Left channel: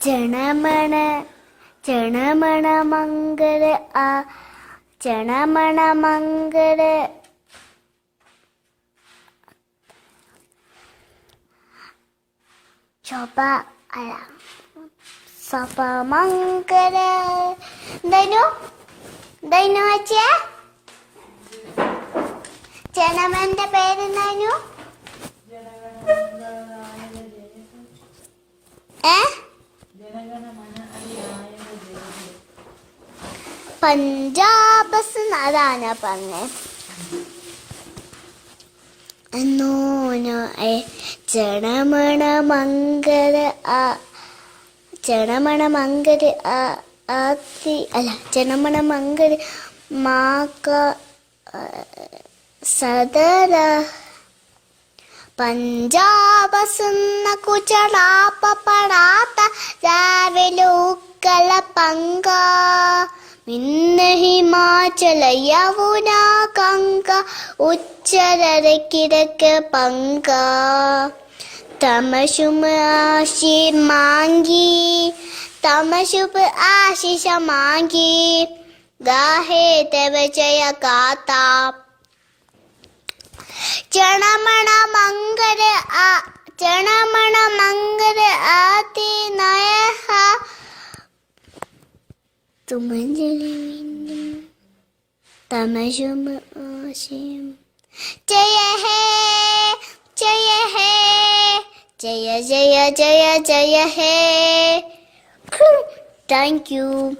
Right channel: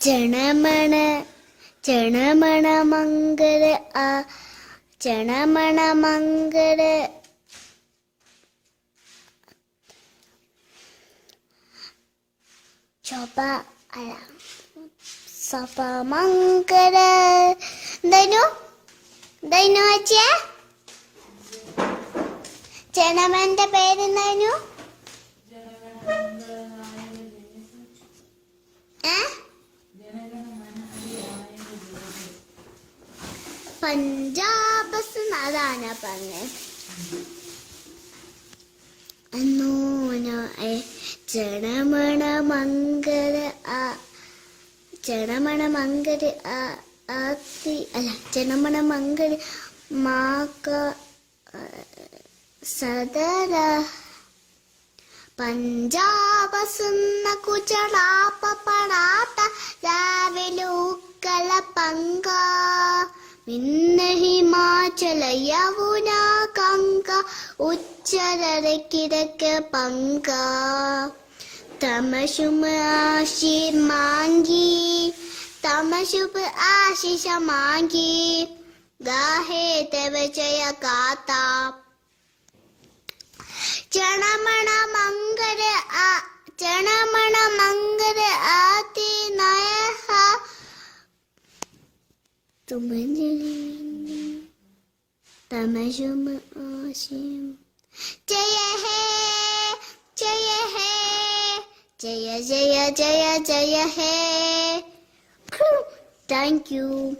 ചണമണ ചണമണ മംഗള ആ ചണമണ മംഗള ശോഭ അല്ല സഭ മംഗള എന്തായിരുന്നു എന്തായിരുന്നു അച്ഛേ. ചണമന്റെ പേരെന്തായിരുന്നു പഞ്ചാബസ് അതാണ് പറഞ്ഞത് ചണമണ മംഗള ആ ചണമണ മംഗള ആത്തി അല്ല ചണമണ മംഗള മാക്ക സദര. പഞ്ചാബസുന്ന കുചളാപ്പ പടാത്ത രാവിലെ ഉക്കല പങ്ക മിന്ന ഹിമാചല കിഴക്ക് പങ്ക. തമശുമ ആശി മാങ്കി തമശുപ് ആശിഷ മാങ്കി ഗാഹേ തവ Jaya കാത്താ. ചണമണ Mankara ചണമണ Mankara To Thank you.